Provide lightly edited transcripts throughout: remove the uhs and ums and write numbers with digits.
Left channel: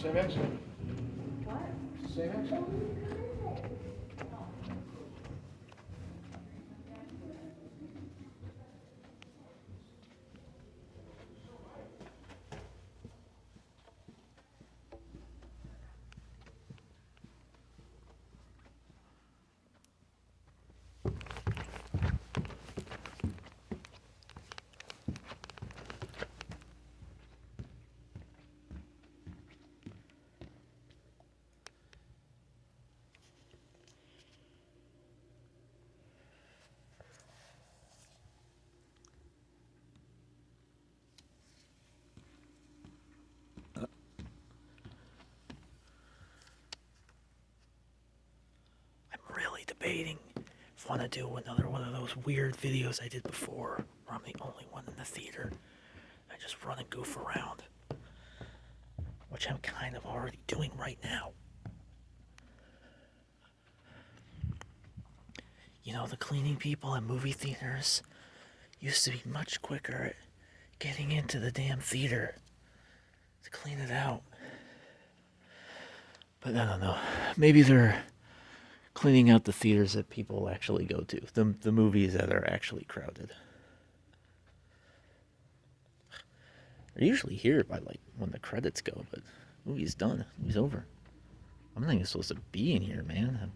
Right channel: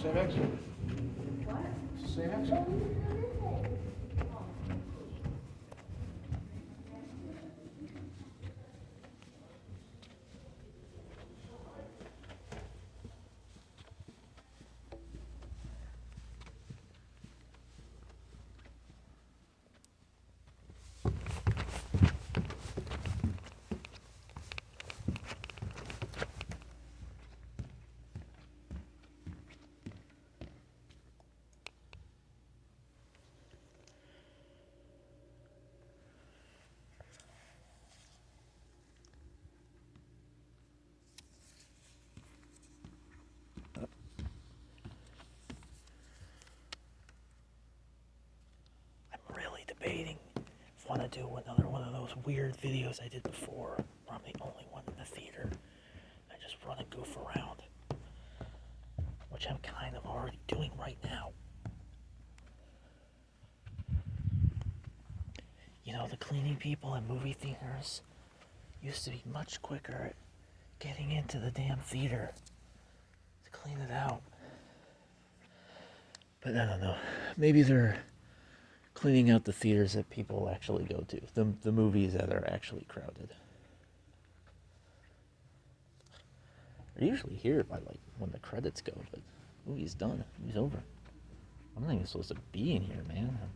Same exit. What? Same exit. Debating if I want to do another one of those weird videos I did before, where I'm the only one in the theater. I just run and goof around, which I'm kind of already doing right now. You know, the cleaning people in movie theaters used to be much quicker at getting into the damn theater to clean it out. But I don't know. Maybe they're cleaning out the theaters that people actually go to, the movies that are actually crowded. They're usually here by like when the credits go, but the movie's done, the movie's over. I'm not even supposed to be in here, man.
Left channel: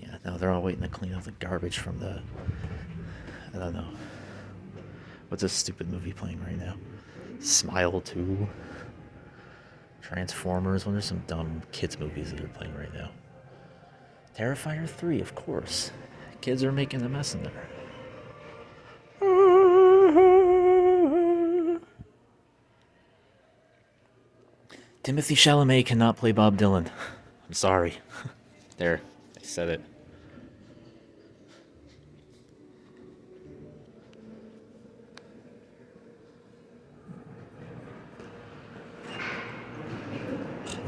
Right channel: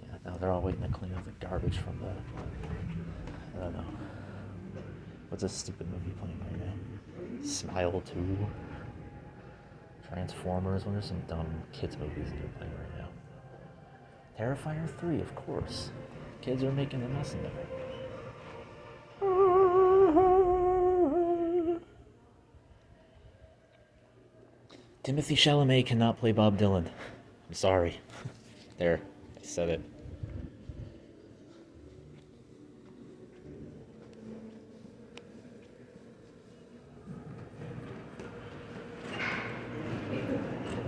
Yeah, now they're all waiting to clean up the garbage from the, I don't know. What's this stupid movie playing right now? Smile 2. Transformers. What are some dumb kids movies that are playing right now? Terrifier 3, of course. Kids are making a mess in there. Timothy Chalamet cannot play Bob Dylan. I'm sorry. There, I said it.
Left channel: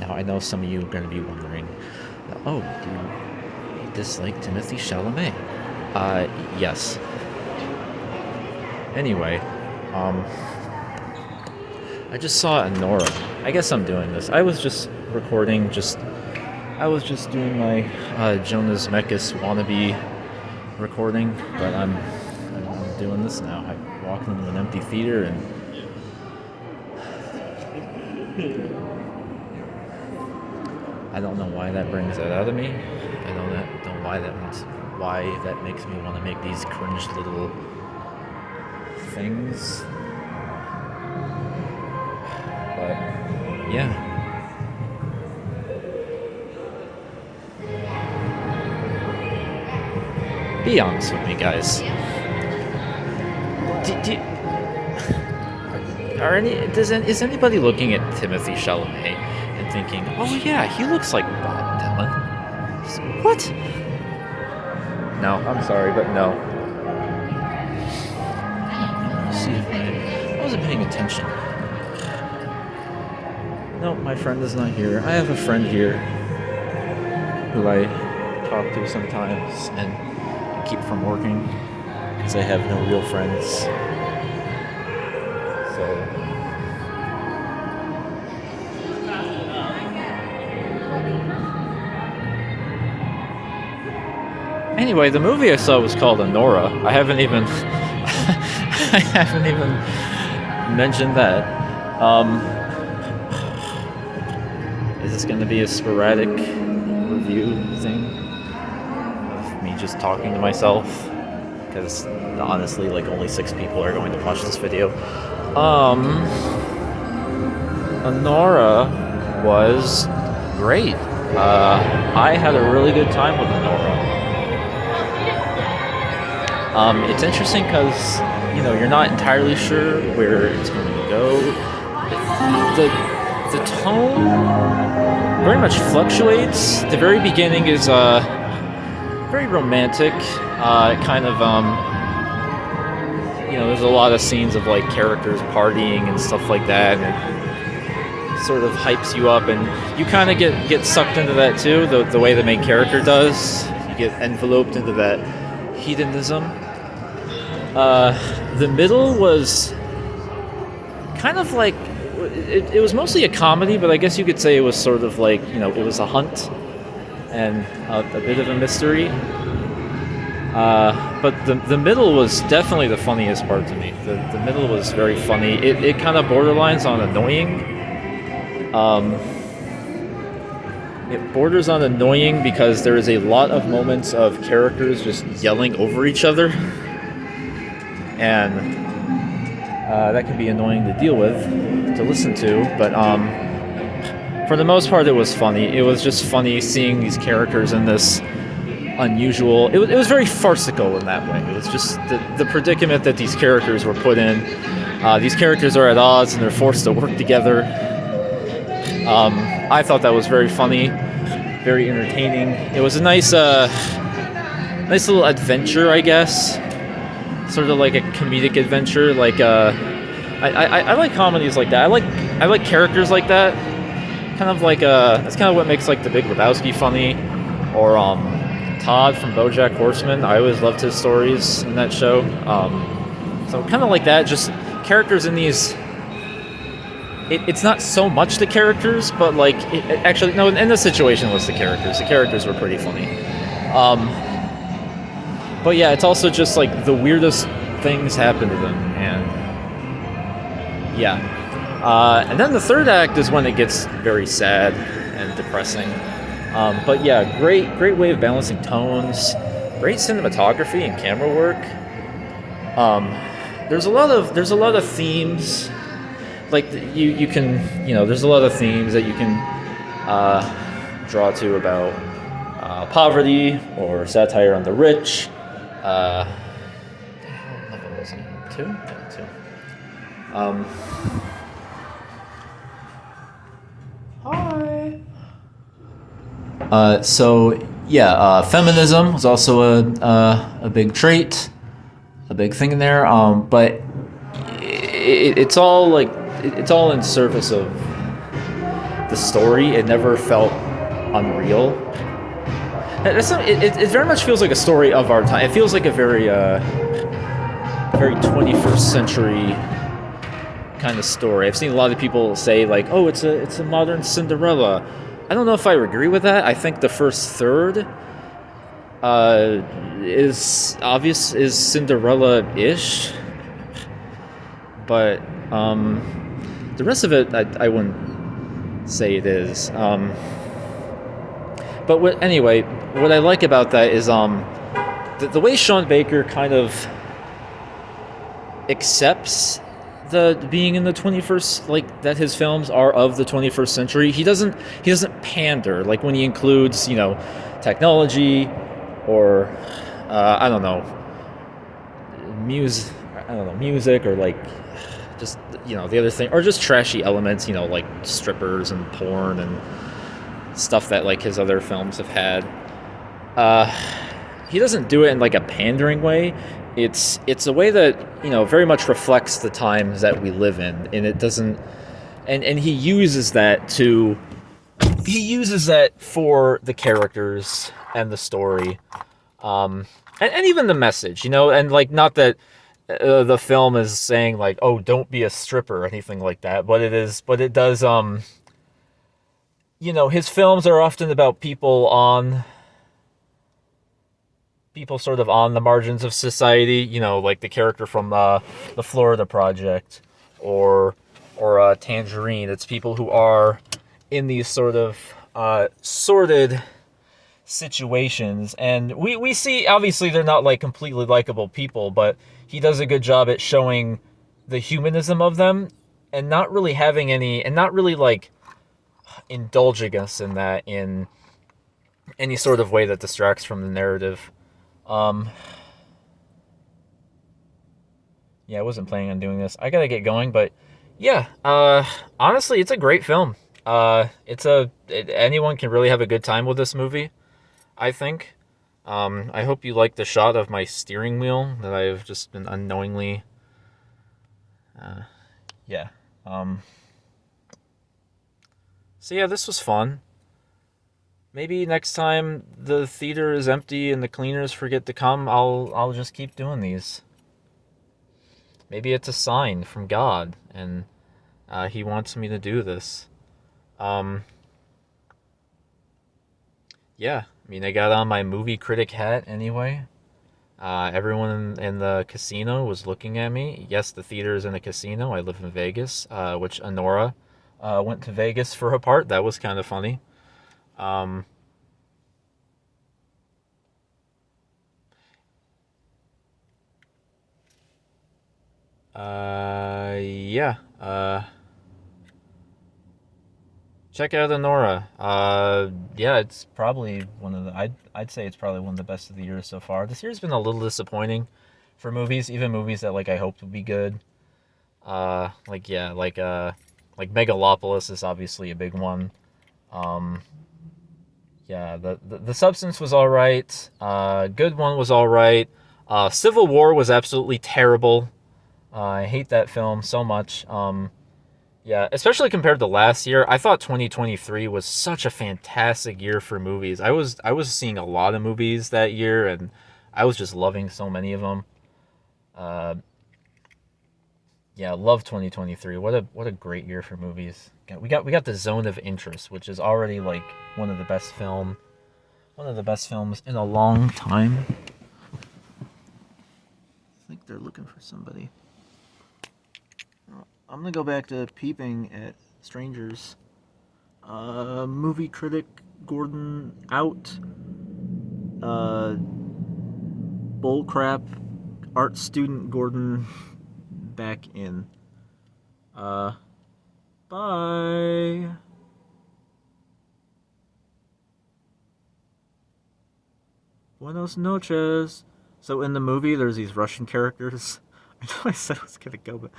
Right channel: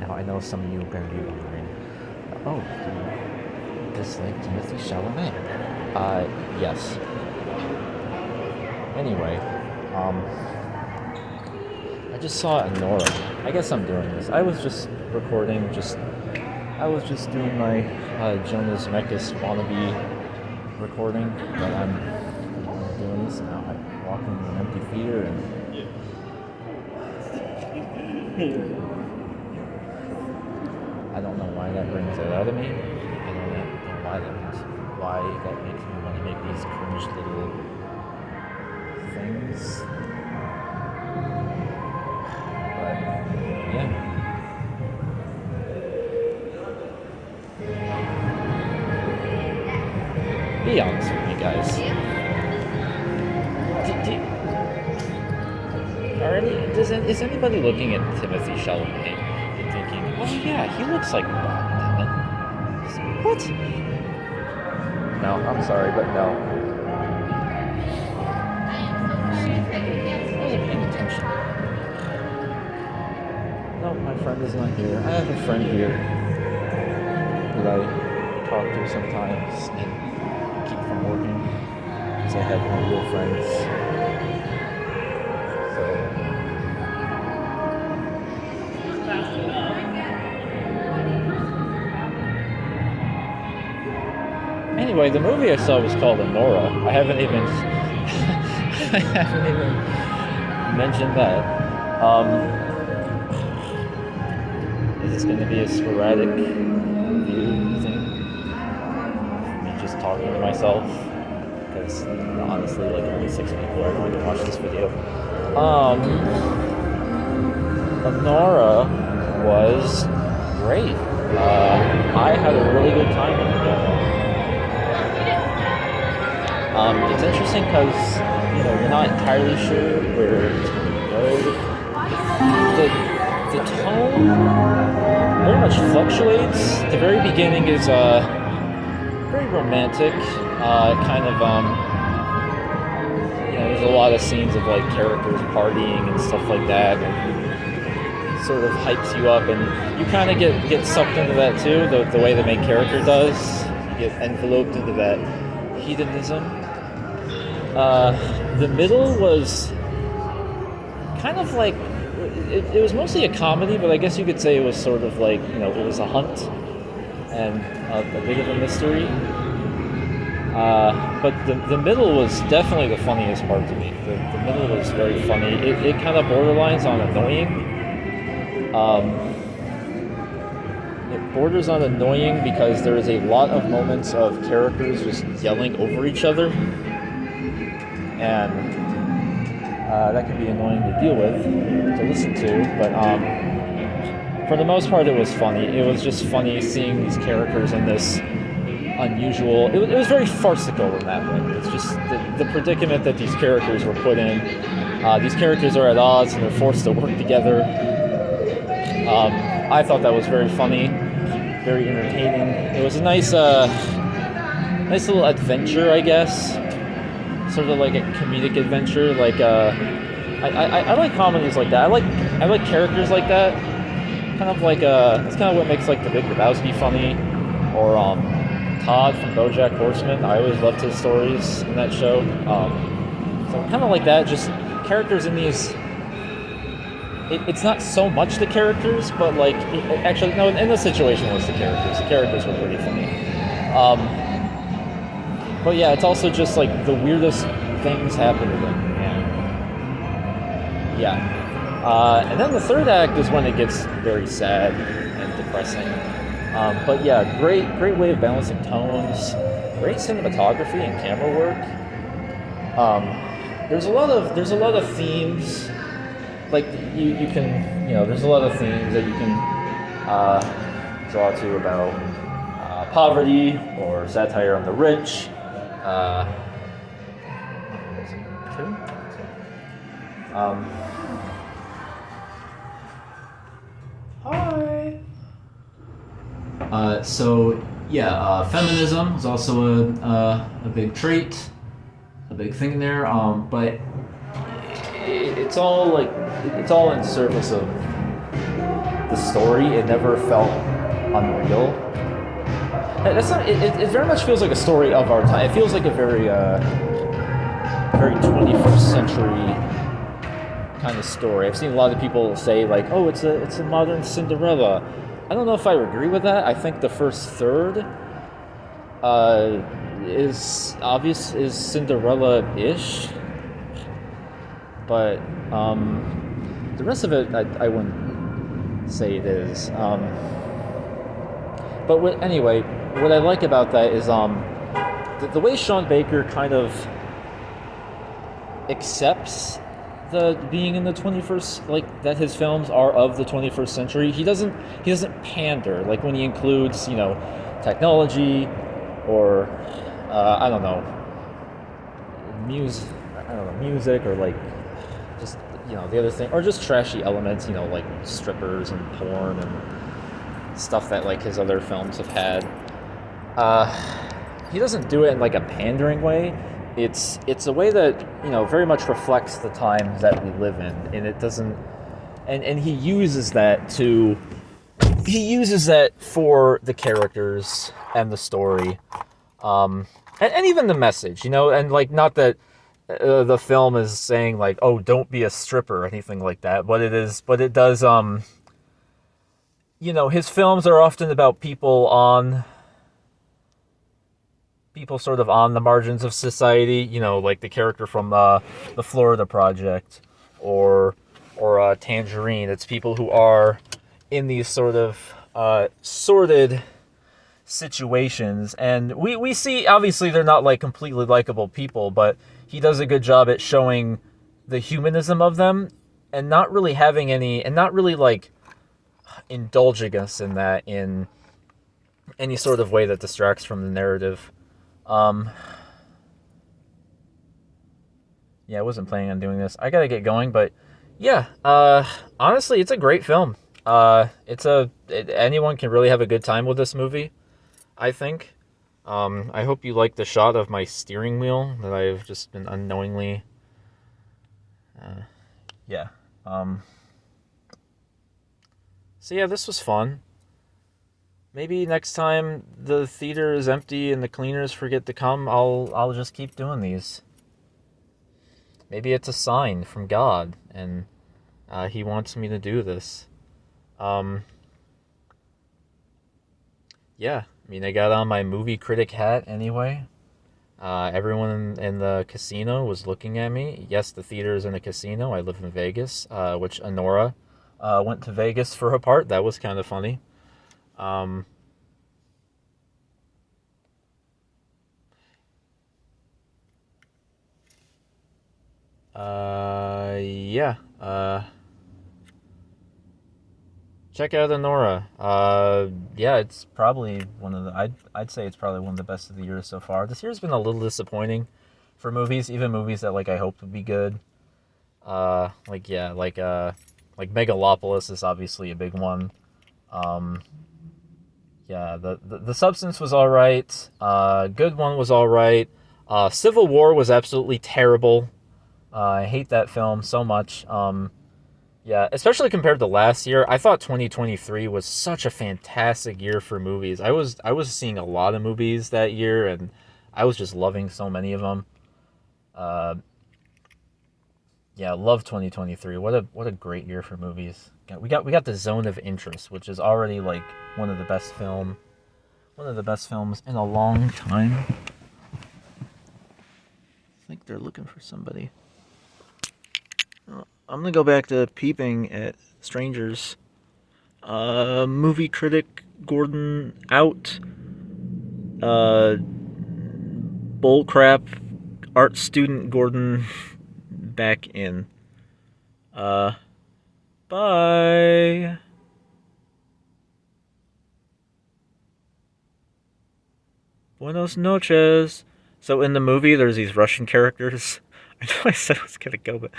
Now, I know some of you are going to be wondering, oh, do you dislike Timothy Chalamet? Yes. Anyway, I just saw Anora. I guess I'm doing this. I was just recording, I was just doing my Jonas Mekas wannabe recording, but I'm doing this now. I walked into an empty theater and I don't know why that brings that out of me. I don't know why that makes me want to make these cringe little things. But yeah. Be honest with me, guys. Is anybody looking at Timothy Chalamet and thinking, oh yeah, he looks like Bob Dylan? What? No, I'm sorry, but no. See, I wasn't paying attention. No, my friend is not here. I have a friend here who I talk to sometimes and keep from working because I have no real friends. So anyway, the movie I saw was called Anora. I haven't even mentioned that. Is this going to be a sporadic review thing? Me just talking to myself? Because honestly, like only 6 people are going to watch this video. Anora was great. I had a really good time with Anora. It's interesting because, you're not entirely sure where it's going to go. the the tone very much fluctuates. The very beginning is very romantic. Kind of there's a lot of scenes of like characters partying and stuff like that, and sort of hypes you up, and you kind of get sucked into that too. The way the main character does, you get enveloped into that hedonism. The middle was kind of like it was mostly a comedy, but I guess you could say it was sort of like it was a hunt and a bit of a mystery. But the middle was definitely the funniest part to me. The middle was very funny. It kind of borderlines on annoying. It borders on annoying because there is a lot of moments of characters just yelling over each other, and that can be annoying to deal with, to listen to. But for the most part, it was funny. It was just funny seeing these characters in this unusual. It was very farcical in that way. It was just the predicament that these characters were put in. These characters are at odds and they're forced to work together. I thought that was very funny, very entertaining. It was a nice little adventure, I guess. Sort of like a comedic adventure. Like I like comedies like that. I like characters like that. Kind of like that's kind of what makes like The Big Lebowski funny, or Todd from BoJack Horseman. I always loved his stories in that show. So kind of like that, just characters in these. It's not so much the characters, but like actually no. In this situation, it was the characters. The characters were pretty funny. But yeah, it's also just like the weirdest things happen to them, and yeah. And then the third act is when it gets very sad and depressing. But yeah, great way of balancing tones, great cinematography and camera work. There's a lot of themes, like you can there's a lot of themes that you can draw to about poverty or satire on the rich. What was it? Two. Hi. So yeah, feminism was also a big trait, a big thing in there. But it's all in service of the story. It never felt unreal. It very much feels like a story of our time. It feels like a very 21st century kind of story. I've seen a lot of people say like, "Oh, it's a modern Cinderella." I don't know if I agree with that. I think the first third is Cinderella-ish, but the rest of it I wouldn't say it is. But anyway, what I like about that is the way Sean Baker kind of accepts the being in the 21st, like that his films are of the 21st century. He doesn't pander, like when he includes technology or I don't know, music, or like just the other thing, or just trashy elements, like strippers and porn and stuff that like his other films have had. He doesn't do it in like a pandering way. It's a way that very much reflects the times that we live in, and it doesn't. And he uses that for the characters and the story, and even the message, and like not that the film is saying like, oh, don't be a stripper or anything like that, but it does. His films are often about people sort of on the margins of society, like the character from the Florida Project or Tangerine. It's people who are in these sort of sordid situations, and we see, obviously they're not like completely likable people, but he does a good job at showing the humanism of them and not really having any, and not really like indulging us in that in any sort of way that distracts from the narrative. Yeah, I wasn't planning on doing this. I gotta get going, but Yeah, honestly, it's a great film. Anyone can really have a good time with this movie, I think. I hope you like the shot of my steering wheel that I've just been unknowingly. Uh, yeah. Um, so yeah, this was fun. Maybe next time the theater is empty and the cleaners forget to come, I'll just keep doing these. Maybe it's a sign from God, and He wants me to do this. Um, yeah, I mean, I got on my movie critic hat anyway. Everyone in the casino was looking at me. Yes, the theater is in a casino. I live in Vegas, which Anora went to Vegas for her part. That was kind of funny. Um, yeah. Check out Anora. Yeah, it's probably one of the. I'd say it's probably one of the best of the year so far. This year's been a little disappointing for movies, even movies that like I hoped would be good. Like yeah, like Megalopolis is obviously a big one. Um, yeah, the Substance was all right. Good One was all right. Civil War was absolutely terrible. I hate that film so much. Yeah, especially compared to last year. I thought 2023 was such a fantastic year for movies. I was seeing a lot of movies that year, and I was just loving so many of them. Uh, yeah, love 2023. What a great year for movies. We got the Zone of Interest, which is already like one of the best films in a long time. I think they're looking for somebody. I'm gonna go back to peeping at strangers. Movie critic Gordon out. Uh, bullcrap art student Gordon back in. Uh, bye. Buenos noches. So in the movie, there's these Russian characters. I know I said I was gonna go, but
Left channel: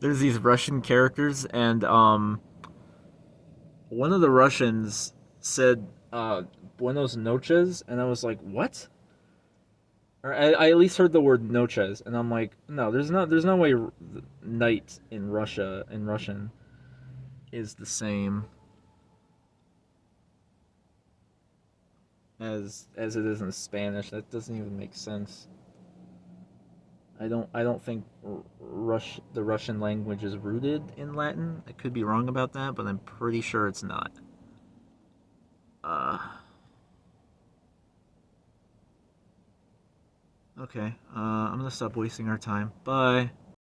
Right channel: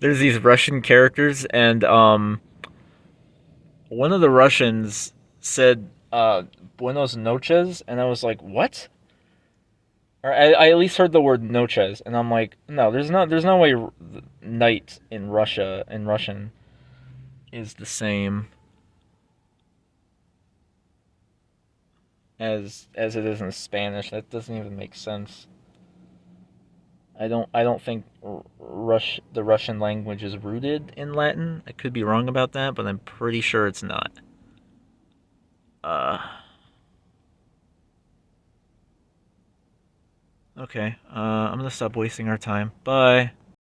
there's these Russian characters, and one of the Russians said "Buenos noches," and I was like, "What?" Or I at least heard the word "noches," and I'm like, "No, there's no way night in Russian is the same as it is in Spanish. That doesn't even make sense. I don't think the Russian language is rooted in Latin. I could be wrong about that, but I'm pretty sure it's not. Uh, okay. I'm gonna stop wasting our time. Bye.